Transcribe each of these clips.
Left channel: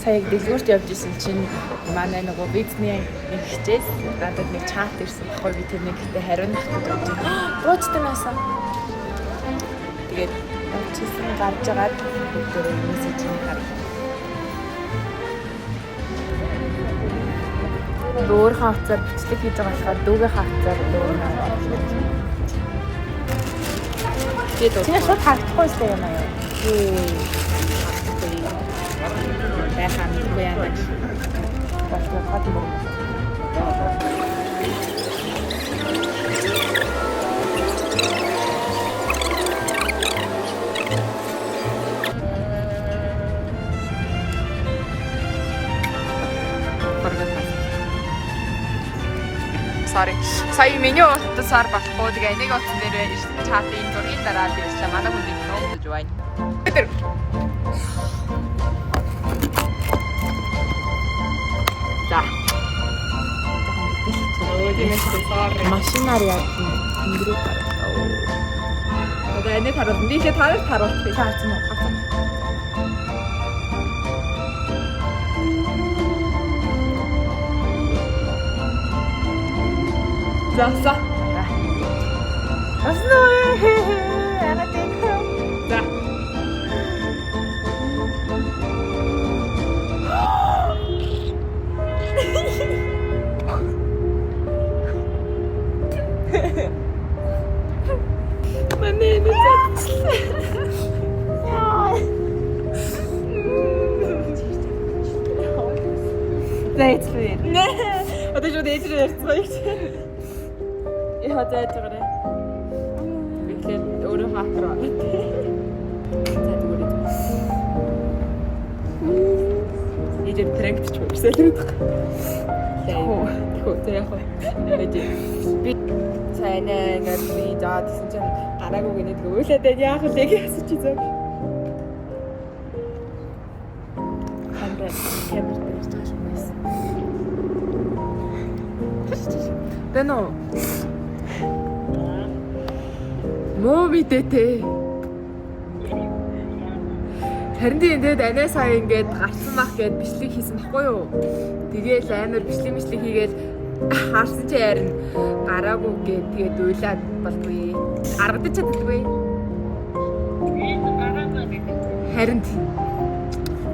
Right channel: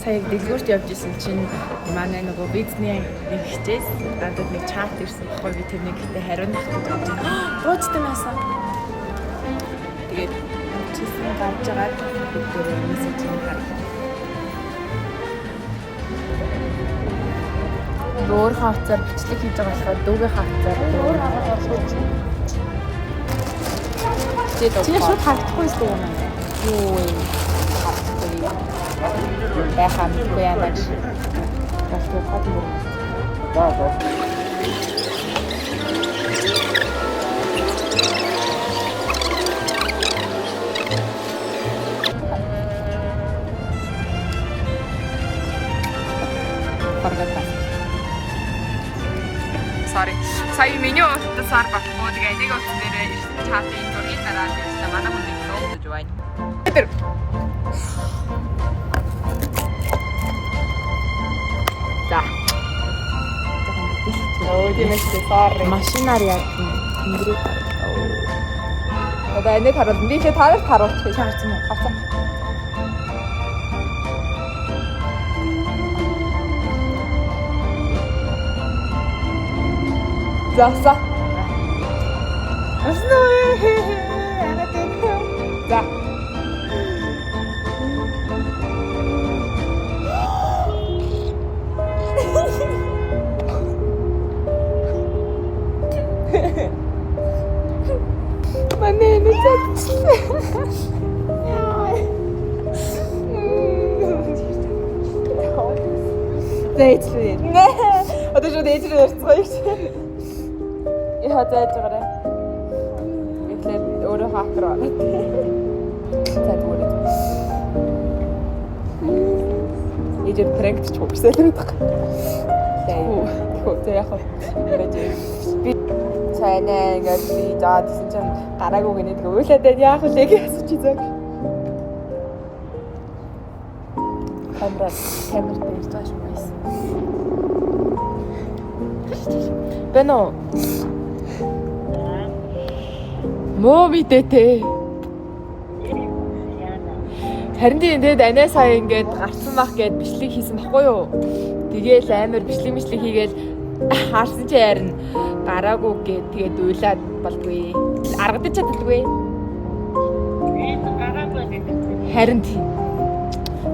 сая дэлгүүрт явж исэн чинь манай нөгөө бизнесний нэг хичээс надад нэг чат ирсэн баггүй би тэрнийг ихтэй хариунах гэдэг. Руучтай байсан. Тэгээд очсон гарч агаад бүгдээ мессежийг харсан. Өөр хавцаар бичлэг хийж байгаа болохоор дүүгийн хавцаар өөр аваад хийж. Чи шууд хавцахгүй юм аа. Юу хавцгүй. Бахан гоянаж. Басна хатмөр. Sorry. Сая меню утсаар багтахгүй тэгээ нэг утас дээр чатын дургийн дараа ирсэн манай хүн нөөж байна. За. Машинаар яг тэнгэрээ гаргав. Одоо энийг харуулсан. Би ч тарах харуулчих. Харсан уу? Харсан. За. Аснаа. За. Мамэ Дээдлээ. Одоо ч дээдлээ ярьцгаая. Я зайж байгаарай. Тэгэхээр өөрөө хаакраа. За дүүрээ. Ижир трэгт ч хөвсөл байдаг. Тэгвэл яг байж. Би цайнаа ингээд би заа гэсэн чинь гараагүй гэнэ уйлаад байна яах вэ гэж асууж байгаа. Камер дээр стаж байсан. Бэнэ Муу мэдээтэй. Харин тэгээд анаа сая ингээд гарсан мах гээд бичлэг хийсэн баггүй юу? Тэгээл амар бичлэг хийгээл харсан чи харин гараагүй гээд тэгээд уйлаад болдгүй. Аргадаж чаддаггүй. Харин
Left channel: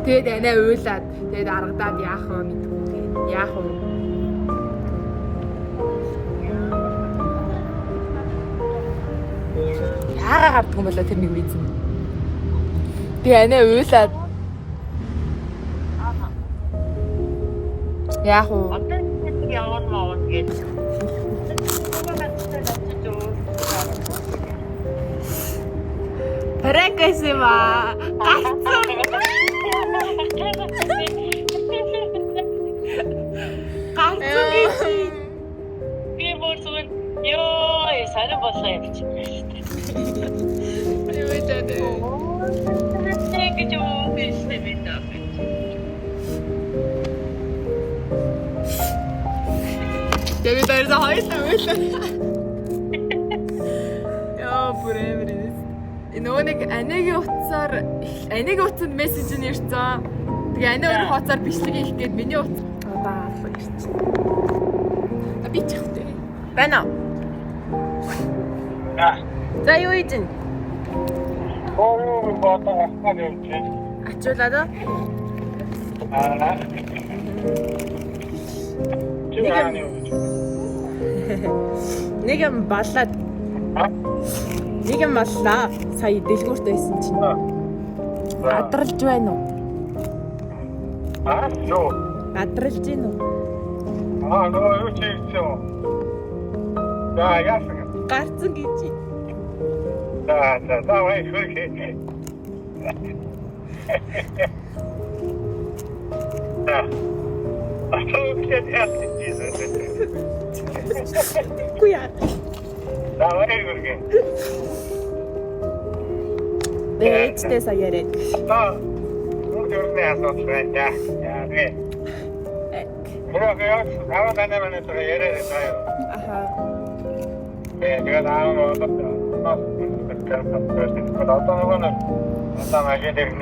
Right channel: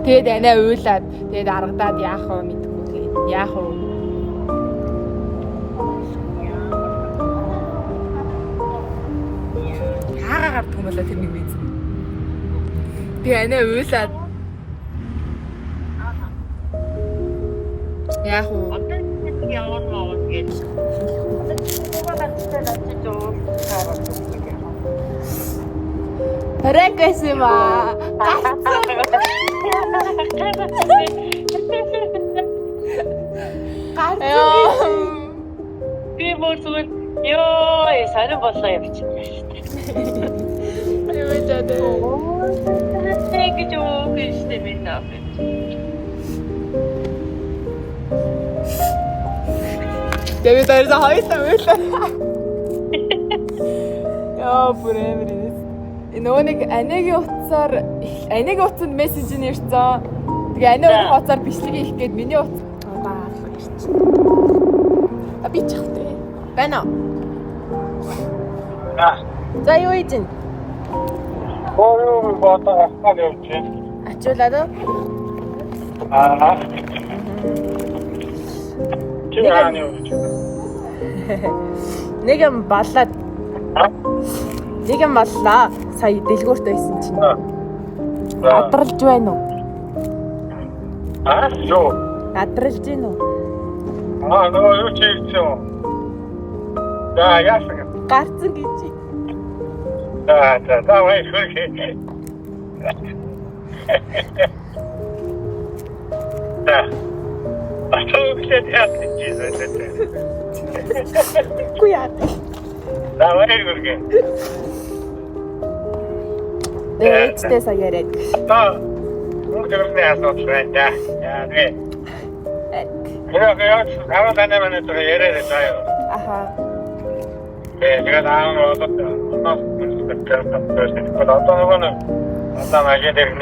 тэгээд анаа уйлаад тэгээд аргадаад яах вэ мэдгүй. Яах вэ? Харддаг юм болоо тэр нэг мэдсэн. Тэгээ анаа уйлаад. Яах вэ? Одоо нэг яваад гэж. Паракасима. Гарцсан. Би мөрсөд ёо сайн болоо явчих. Эвэдэ. Тэгэ жоо биштэй минь. Тэгээд орсон хоёртаа уйлаа. Яа бүрэмэрээс. Энэ нэг анагийн утсанд мессеж нь ирсэн. Тэгээ анаа өөр хооцоор бичлэг хийх гээд миний утас удаа авах ирсэн. А би чихтэй. Байна уу? За юу ийдэн? Оо бата ахмад явж. Ачуулаад уу? Нэг юм баллаад. Нэг юм баллаа. Сая дэлгүүрт байсан чинь. Гадралж байна уу? Юу? Гадралж байна уу? Нөгөө юу ч хийчихв. За яасан. Гарцсан гэж. За вай хөөе. Да. Атоокет яатчихсэн. Куяа. Да вай гүргэ. Ээжтэй саяараад. Мөрдөрний асууж байна. Яа гэ. Яг аваад манай тэр яриад байгаа. Аха. 제가 다음으로 어떻게 어떤 거는 어떤 하게 되는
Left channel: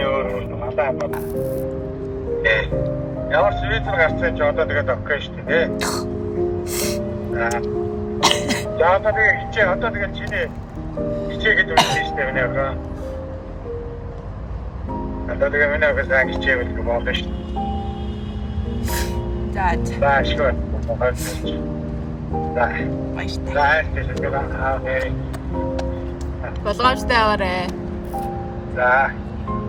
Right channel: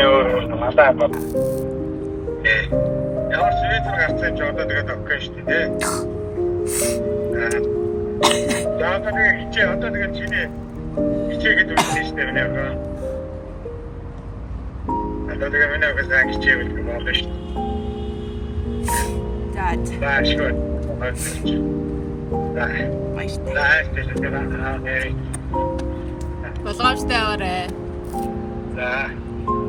맞아요. 예, Ямар ч визээр гарсан ч одоо тэгээд окей шүү дээ. Яа тэгээд хичээ одоо тэгээд чиний хичээгээд үлдсэн шүү дээ өнөөдөр. Одоо тэгээд өнөөдөр сайн хичээвэл болно шүү. За. Баашгүй. За. Болгоомжтой аваарай. За.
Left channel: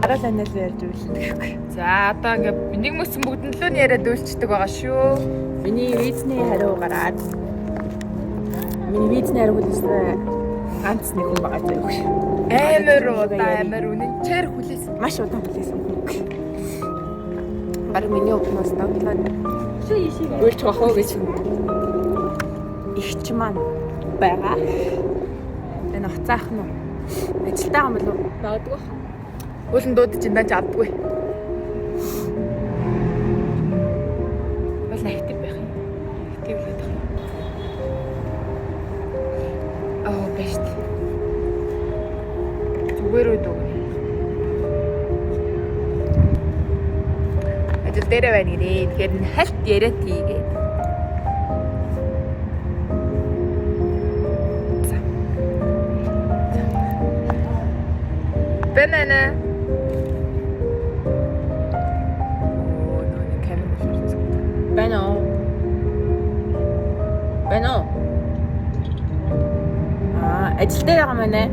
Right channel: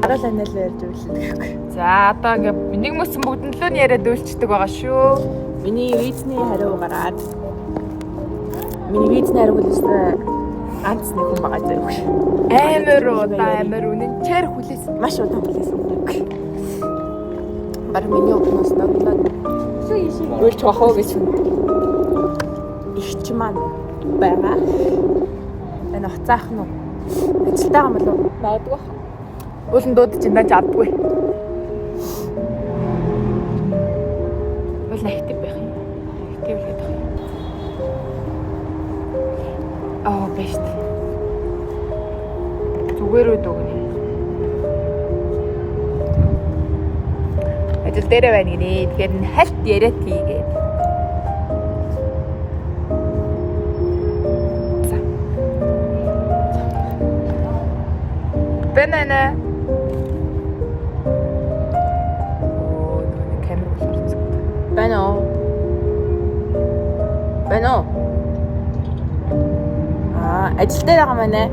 Арал анил ярьж үлдээхгүй. За одоо ингээ нэг мөсөн бүгднлөө нь яриад үйлчдэг байгаа шүү. Миний визний хариу гараад. Миний визний хариу хүлээсэн ганц нэг хүн байгаа даа. Амар үнэнчээр хүлээсэн. Маш удаан хүлээсэн хүн. Бараг миний өмнөөс доглоод үйлч бахаа гэж ихч маань байгаа. Энэ уцаах нь ажилтаа юм болов уу? Магадгүй. Уулын дуудаж энэ жадгүй. Уул актив байх юм. Актив хийх юм. Бэст. Зүгээр үү дүгнэ. Ажил дээр байна гинэ. Тэгэхээр хальт яриад хийгээд. Банана. Бано. Ажил дээр байгаа мэнэ.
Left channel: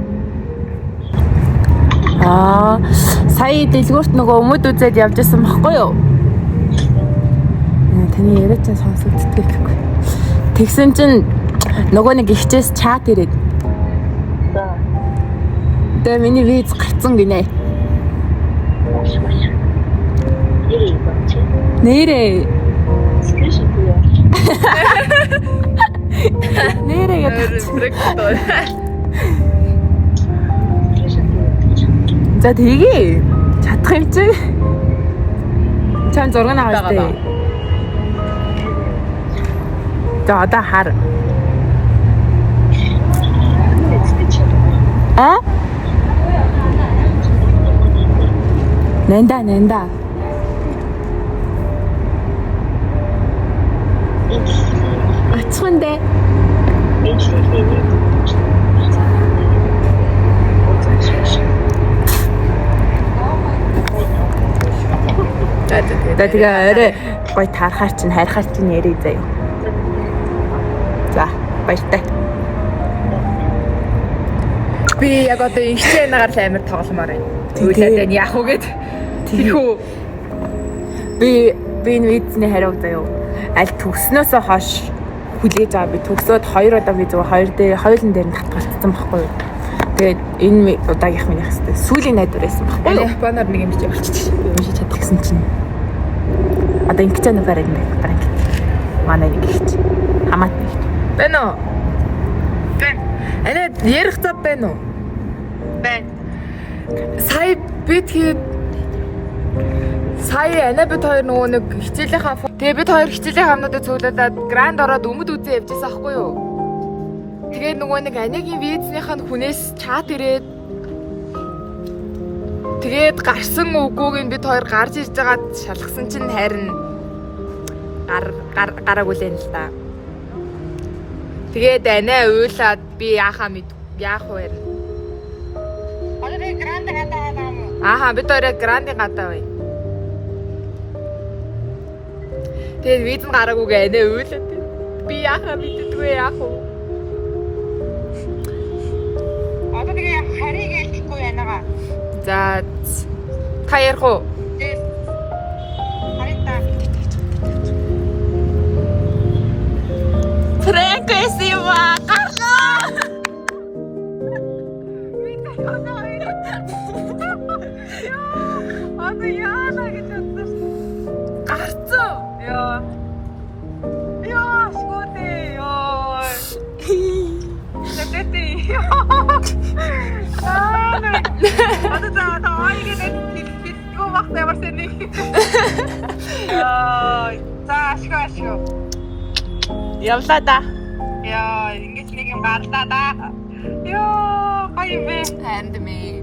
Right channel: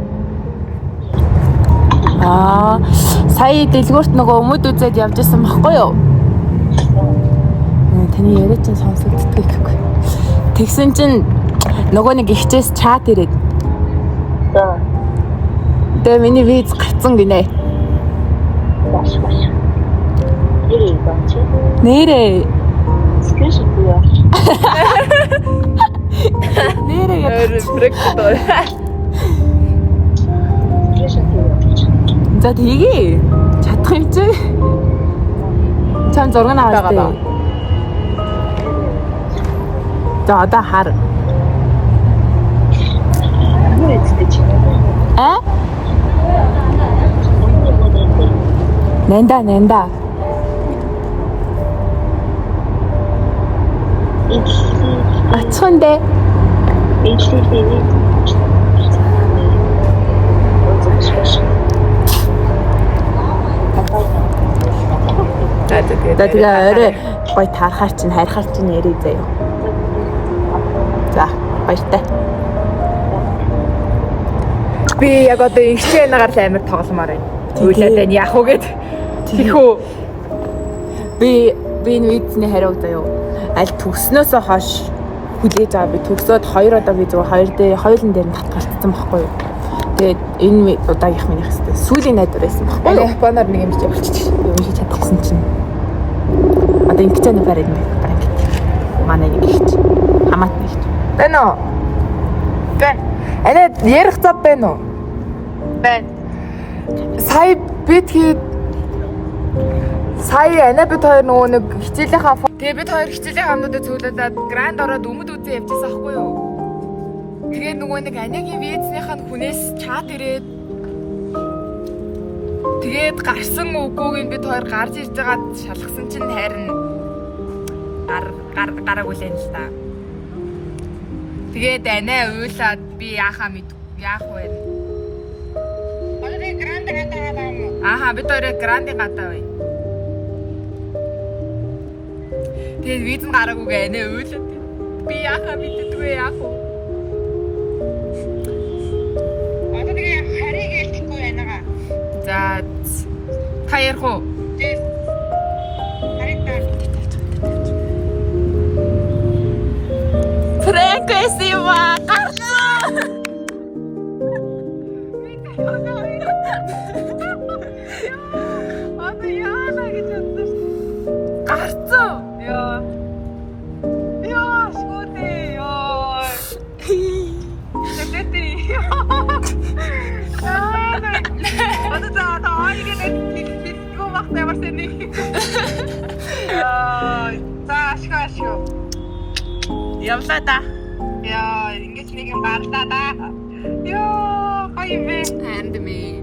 Сая дэлгүүрт нөгөө өмд үзээд явж исэн баггүй юу? Таны яриа чинь сонсогддог гэхгүй. Тэгсэн чинь нөгөө нэг ихчээс чат ирээд. Тэгээ миний виз гарцсан гинэ. Нэрээ. Нэрээ гэдэг. За тэгээ чадах юм чи. Чам зураг аваад тээ. За одоо хар. Нэнда. Ачхандэ. Тэгээ орой гой таарахаар чинь харихаар чинь ярий заяа. За баяртай. Би яг одоо ихтэй нагаар л амар тогломоор байна. Үйлээд энэ яах вэ гэд. Тэхүү. Би энэ визний хариу заяа. Аль төгснөөсөө хойш хүлээж байгаа. Би төгсөөд 2 удаа би зүгээр хоёулын дээр нь татгалцсан байхгүй юу. Тэгээд энэ удаагийнх минийх хэвчээ сүүлийн найдвар байсан байхгүй юу. Японоор нэг юм болчих. Юм шиг чадчихсан чинь. Одоо ингэж нэг барайд нэг барайд. Манай нэг ихч. Хамаатны ихч. Байна уу? Бэн. Анаа ярих цав байна уу? Бэн. Сая Ана бид хоёр нөгөө нэг хичээлийнхаа тэгээ бид хоёр хичээлийн хамнуудад цуглуулад гранд ороод өмд үзээ явжсэн аахгүй юу? Тэгээ нөгөө нэг Анягийн визнийх нь хүнээс чат ирээд тэгээд гарсан үгүйг нь бид хоёр гарч ирж байгаад шалгасан чинь харин гараагүй л энэ л та. Тэгээд Анаа уйлаад би яах вэ? Одоо би гранд гадаа байгаа юм. Бид өөрөө грандын гадаа бай. Тэгээд виз нь гараагүйгээ Анаа уйлаад би яахаа мэддэггүй яах вэ? Одоо тэгээ харийг ялчихгүй яанаага. За та ярих уу? Харийг та. Фрэнкэсива гарсан. Одоо яана гэж бодсон. Гарсан. Яа, скоте. Яа. Тэтэти. Одоо та айгээд битгүү багт ямарсан нэг. За ашгаа. Явлаа да. Яа, ингэж нэг юм гарлаа да. Яа, гоё бэ. Ханд ми.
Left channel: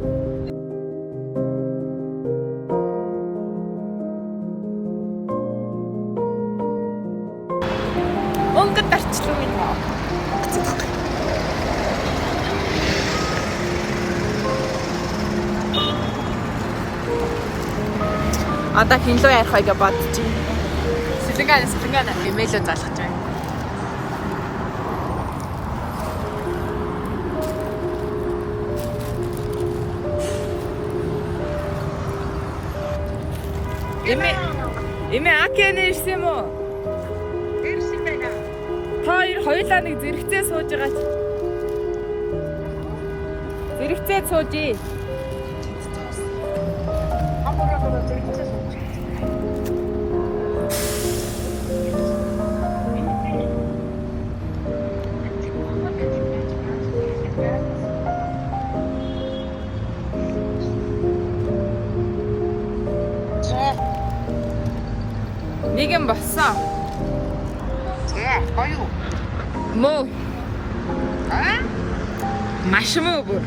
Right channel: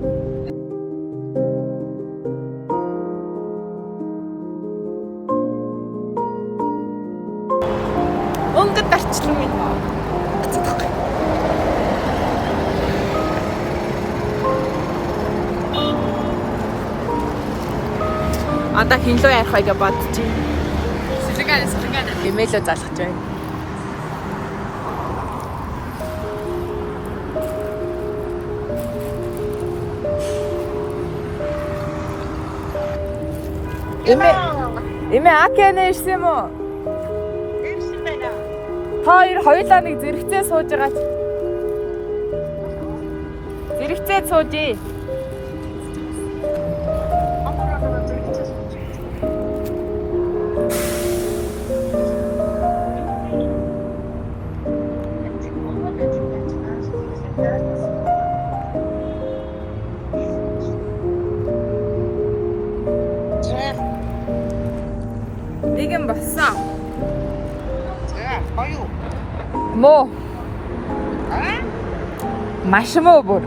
өнгөд орчлоо минь таа. Одоо хинлөө ярих байга бодчих. Сэлгэн имэйлөө залгаж байна. Эмээ Акиан ирсэн юм уу? Ирсэн байна. Та хоёулаа нэг зэрэгцээ сууж байгаа ч. Зэрэгцээ суужээ. Амбараа зэрэгцээ сууж. Нэг юм болсон. Зэ, гоё. Мөө. Аа? Маш мөө бүр.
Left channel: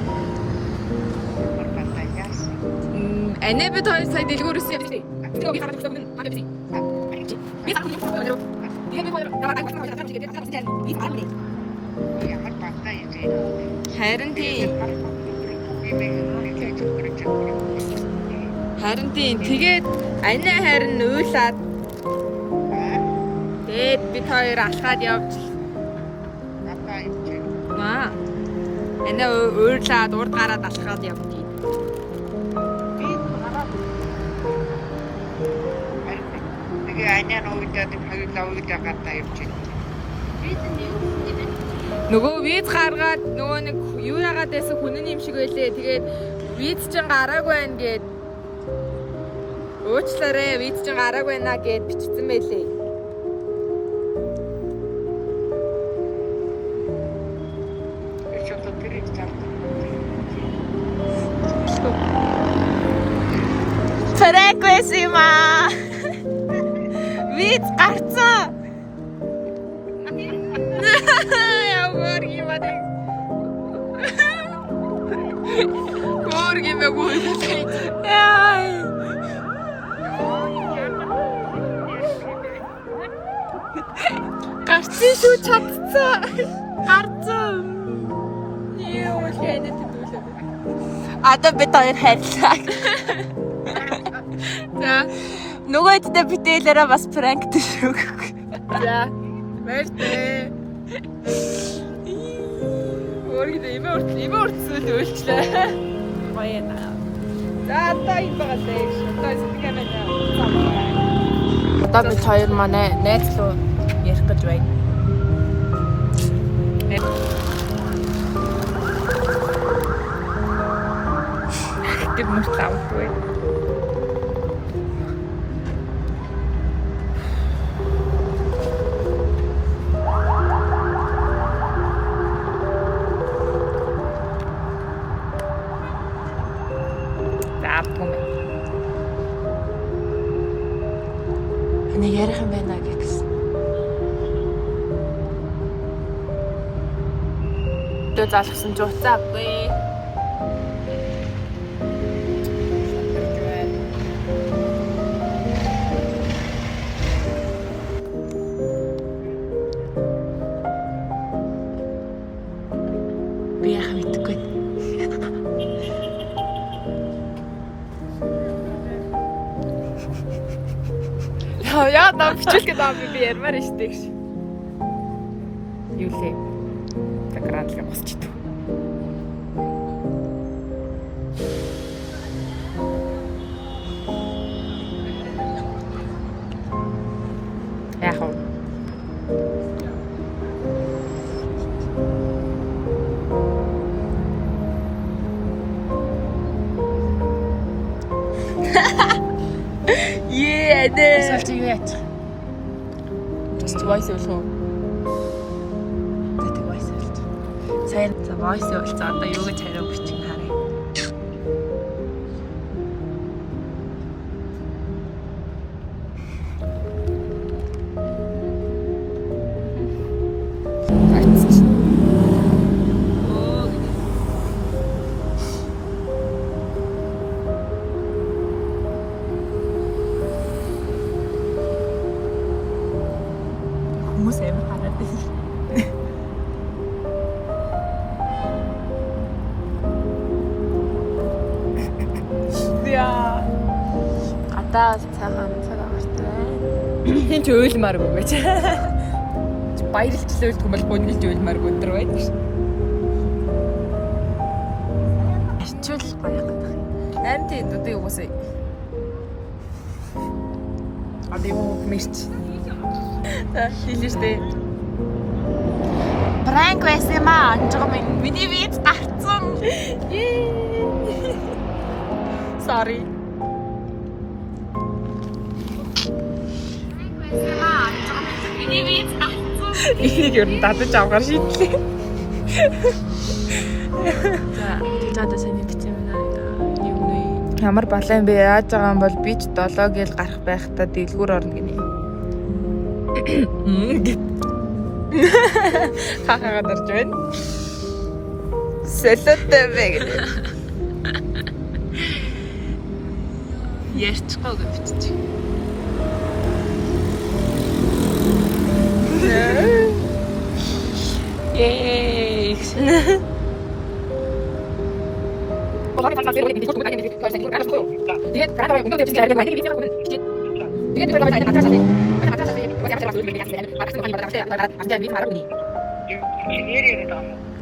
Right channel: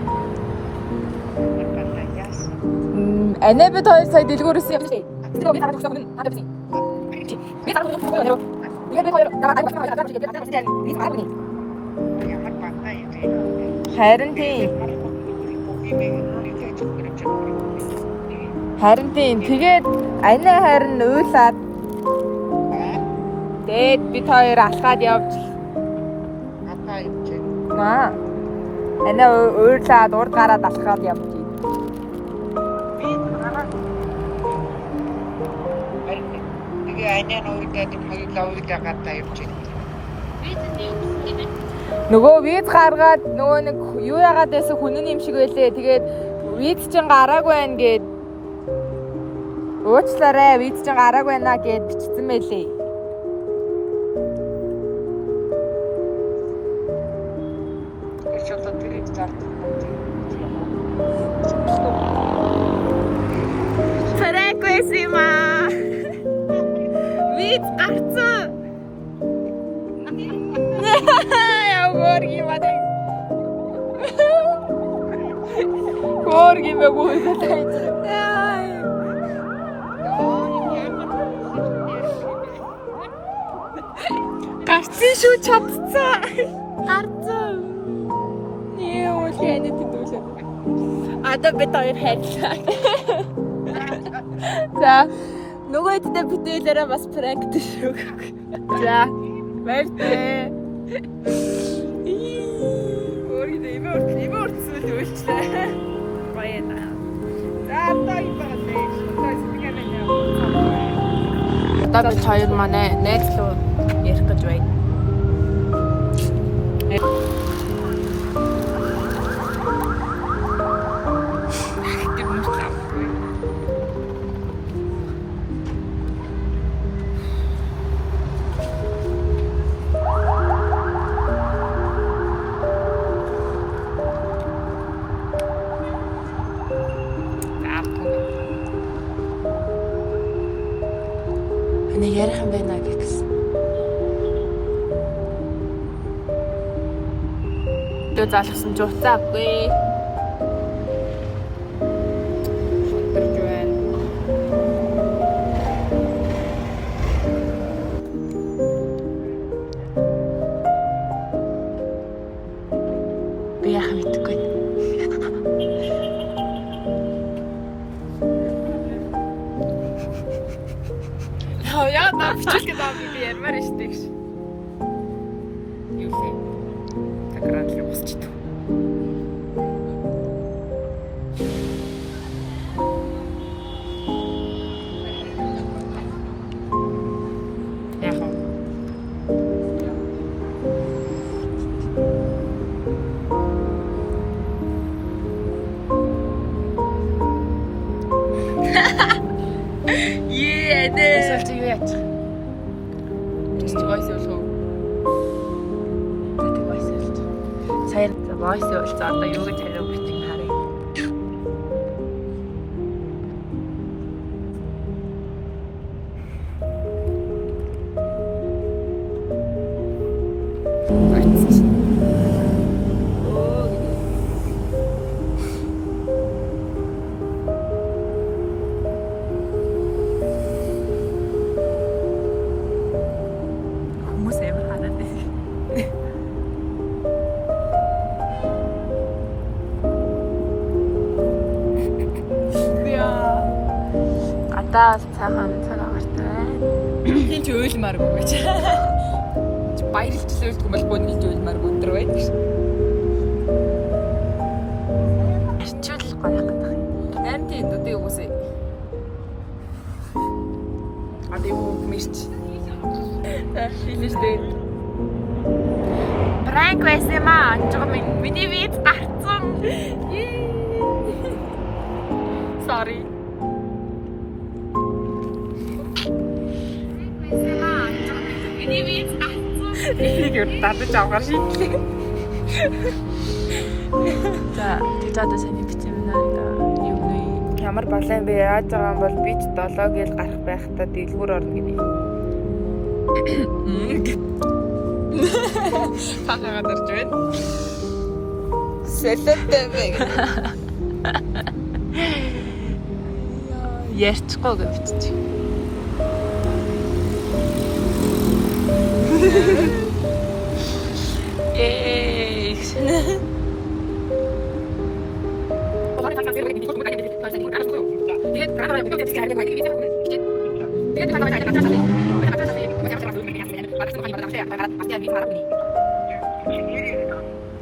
Анаа бид хоёр сая дэлгүүрээс явчихсан. Би хараад байгаа юм байна. Би хараад байгаа юм байна. Би хоёр харин тийм. Харин тийм. Тэгээд анаа харин уйлаад тэгээд бид хоёр алхаад явж. Маа. Анаа уйлаад урд гараад алхаад явж. Анян уйдаад хоёулаа уйдаа гадаа явчихна. Нөгөө виз гаргаад нөгөө нэг юу яагаад байсан хүнэн юм шиг байлээ. Тэгээд виз чинь гараагүй байна гэд уучлаарай виз чинь гараагүй байна гэд бичсэн байлээ. Эцэг тэрийг зарлах. Фрэквесима. Виз гарцсан. Борги мадэ. Борги мэггүй хэлээ. Гарцсан шүү чадцсан. Гарцсан. Юу хэлээд тэтүүлээ. Одоо бид хоёр хайрлаа. За нөгөөддөө битээлээрээ бас пранк төшөг. За. Баяртай. Имөрцөл үйлчлээ. Баяна. За та юм байгаа. Одоо бид хоёр манай найз руу ярих гэж байна. Гэт мөртлөө. Нэг ярих юм байна гэсэн. Дөө залгсан ч уцаагүй. Би яах мэдгүй. Яа на бичүүлгээ даамыг би ярмаар штэ гэж. Юу лээ? Такраатлаа босчихдээ. Яах вэ? Эсвэл чи юу яачих? Чи voice болов уу? Тэ voice болов. Сайн за voice болов. За одоо юу гэж хариу бичих харъя. Хүмүүс амар хараад байна. надад цаахан цагаан гартай. Хин ч ойлмааргүй гэж. Баярлчлаа хүмүүс гонилж ойлмааргүй өдр байдаг ш. Арчил гоё хатах юм. Харин тийм одоо юусаа. Али мэрч. Хэлээстэй. Пранк байсан юм аа. Жоо миний виз гарцсан. Sorry. Миний виз гарцсан. Энийг юу татаж авгаар шийдлээ. За, тэгээд саний битэмнээ юу нэ Ямар балаа юм бэ? Яаж байгаа юм бол би ч 7 гээл гарах байхдаа дэлгүүр орно гинэ. Хаагаад орж байна. Сэлэнтэй бэ. ярьчихгүй гэж биччих. Yay!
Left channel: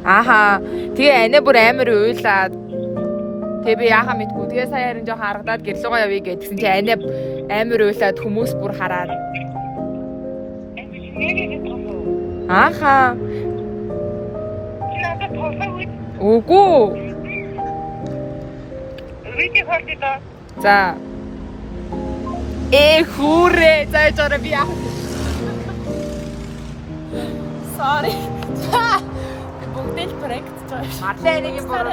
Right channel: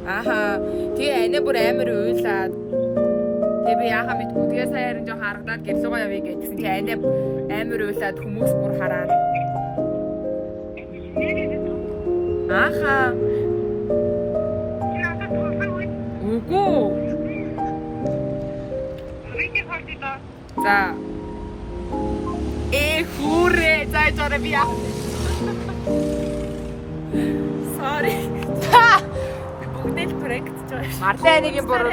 Ааха. Тэгээ анаа бүр амар уйлаад. Тэгээ би яахаа мэдгүй. Тэгээ сая харин жоохон харагдаад гэрлүүгээ явъя гэдгсэн. Тэгээ анаа амар уйлаад хүмүүс бүр хараад. Ааха. Үгүй. За. Хүрээ. За жоо би яах. Sorry. Бүгдэл проект жоо. Арлаа нэг юм бүр.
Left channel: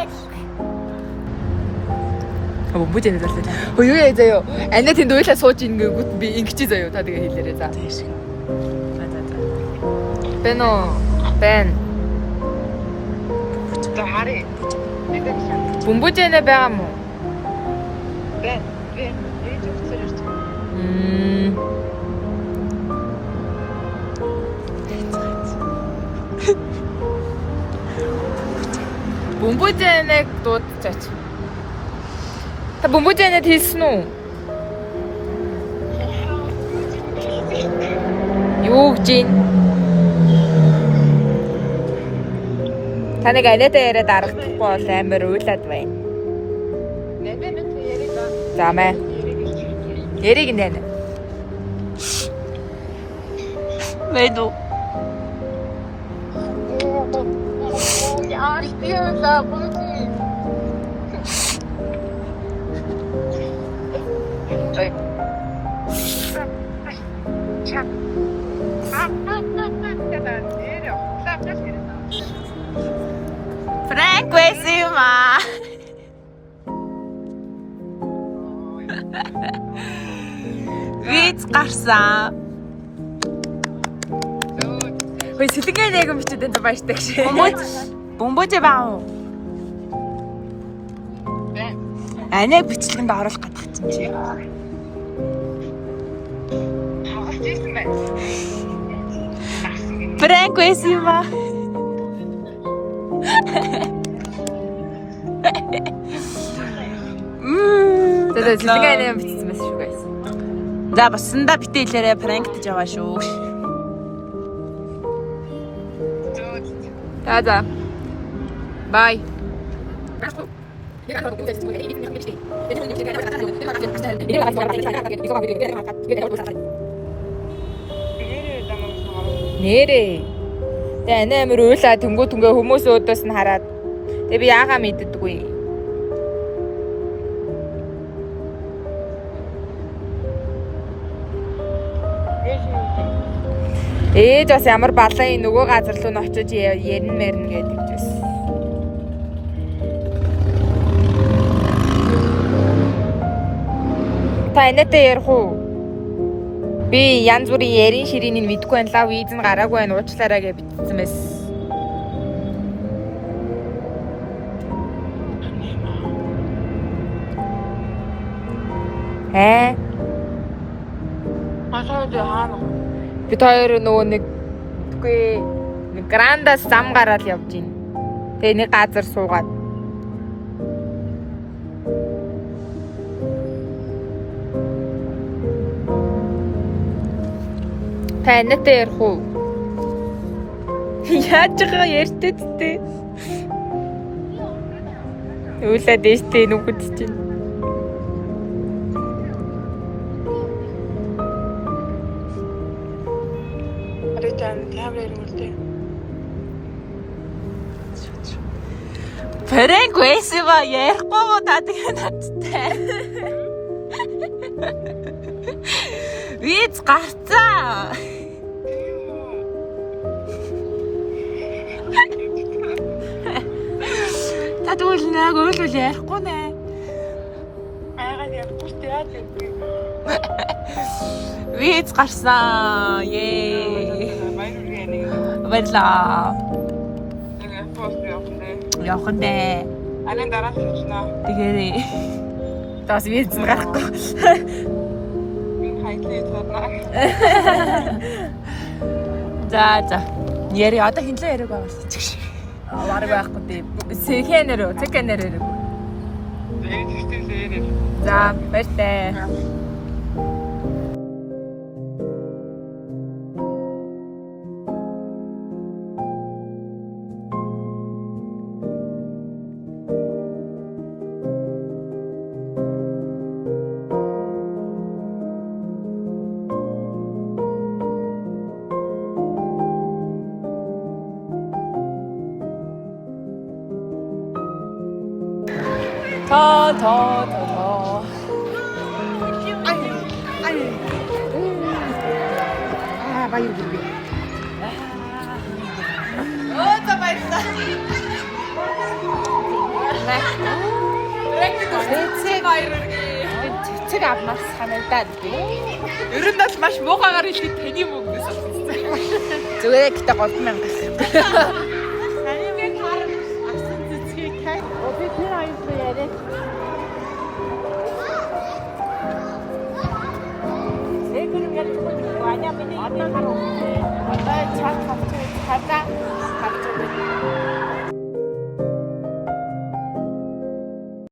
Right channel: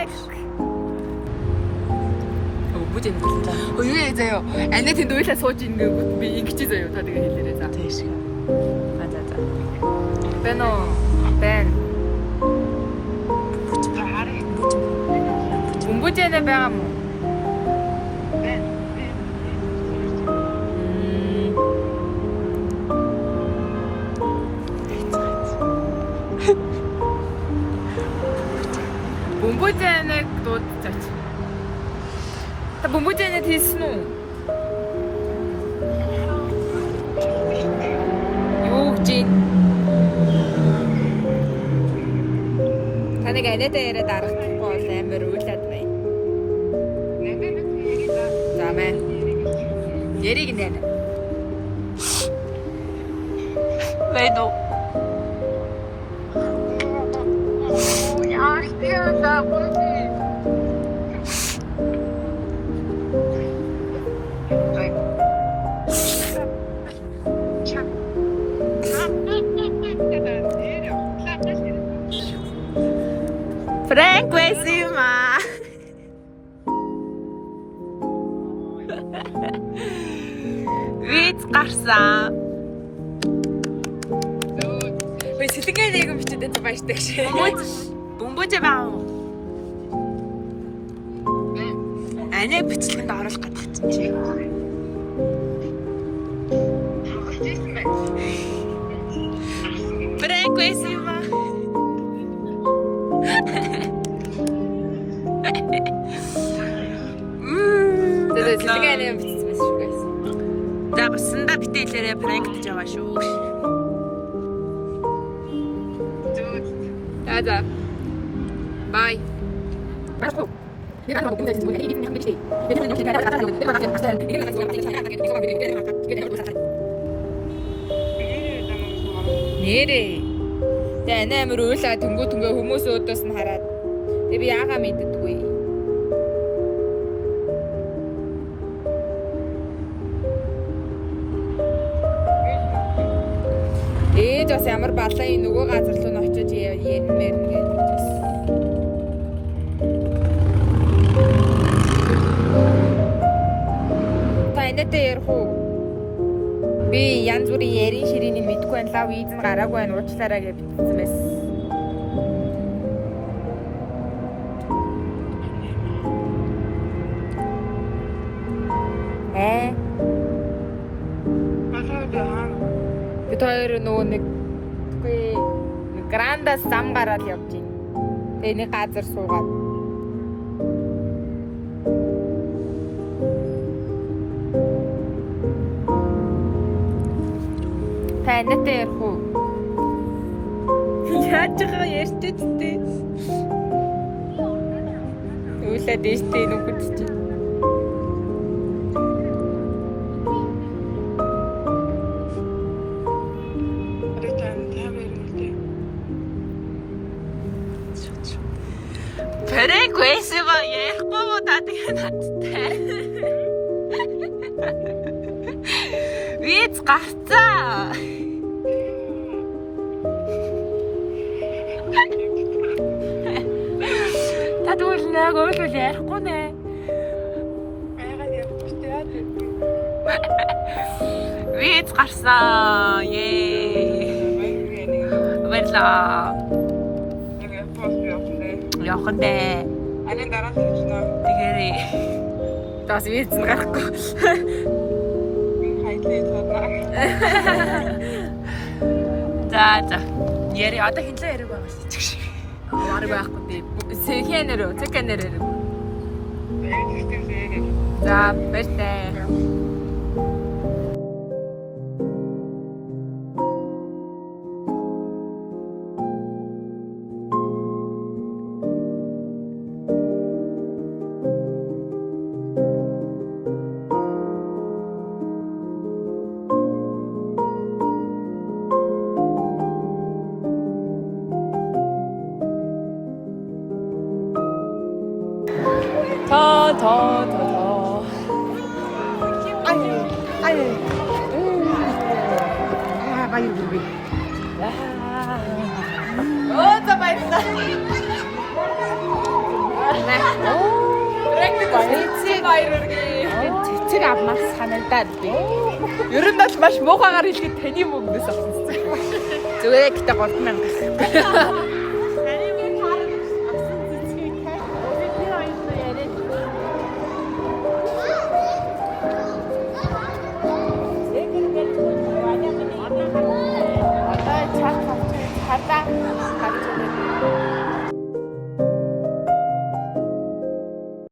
Бүжэн зөвлөлөө. Юу яа заяа. Анаа тэнд уйлаа сууж ингэнгүүт би ингэчээ заяа. Та тэгээ хэлээрээ за. Тэш. За. Бэн үү? Бэн. Бумбужэнэ байгаа мó? Бумбужэнэг дуудчихаач. Та бумбужэнэд хэлсэн үү? Юу гэж юм? Таныг анаатай яриад аргахдахгүй бол амар уйлаад байна. За мэ. Яриг нэ. Мэдүү. Пранк байсан юм аа. Виз гарсан. Ой сэлгээ нэг юм бичээд энэ баяртай гэж. Бомбож баа. Анаа бичлэгэнд оруулах гэдэг чинь. Пранк байсан юм аа. Тэгээд сэлгээ нэг юм бичсэн мэс шүү guys. За баснда битээ хэлээрээ пранк гэж яваа шүү. За. Bye. Нэрээ. Тэгээ анаа амар уйлаа төнгөө хүмүүс өөдөөс нь хараад. Тэгээ би яагаа мэддэггүй. Ээж бас ямар балаа нөгөө газар руу н очиж ярин мэрнэ гэдэг байсан. Та энэтэй ярих уу? Би янз бүрийн ярин ширээнийг мэдгүй байна. Лав виз нь гараагүй байна. Уучлаарай гэж бичсэн байсан. Бид хоёр нөгөө нэг грандас зам гараад явж байна. Тэгээ нэг газар суугаад. Та анаатай ярих уу? Яаж байгаа ярьтээ тээ. Уулаад дэжтэй нүгүүд чинь. Пэрэг байсан ярихгүй мó та тэгээ надтай. Виз гарцаа. Та тэгвэл нэг ойлвол ярихгүй нэ. Айгаад явахгүй яа тийм. Виз гарсан. Ее. Баярлаа. Явах нэ. Анаа дараа нь очно. Тэгэрээ. Тас виз гарахгүй. Хайтлээ таарна. За. Яри одоо хинлээ яриаг байгаа шүү дээ. Арга байхгүй дээ. Сэхэнэр. За, баярлалаа. 더. Баяр хүргэе. 자 맛있다. Цэцэг авмаас санагдаад би. Ер нь бол маш муухайгаар хэлээд таны мөнгнөөс авсан. Зүгээр гэхдээ 3000.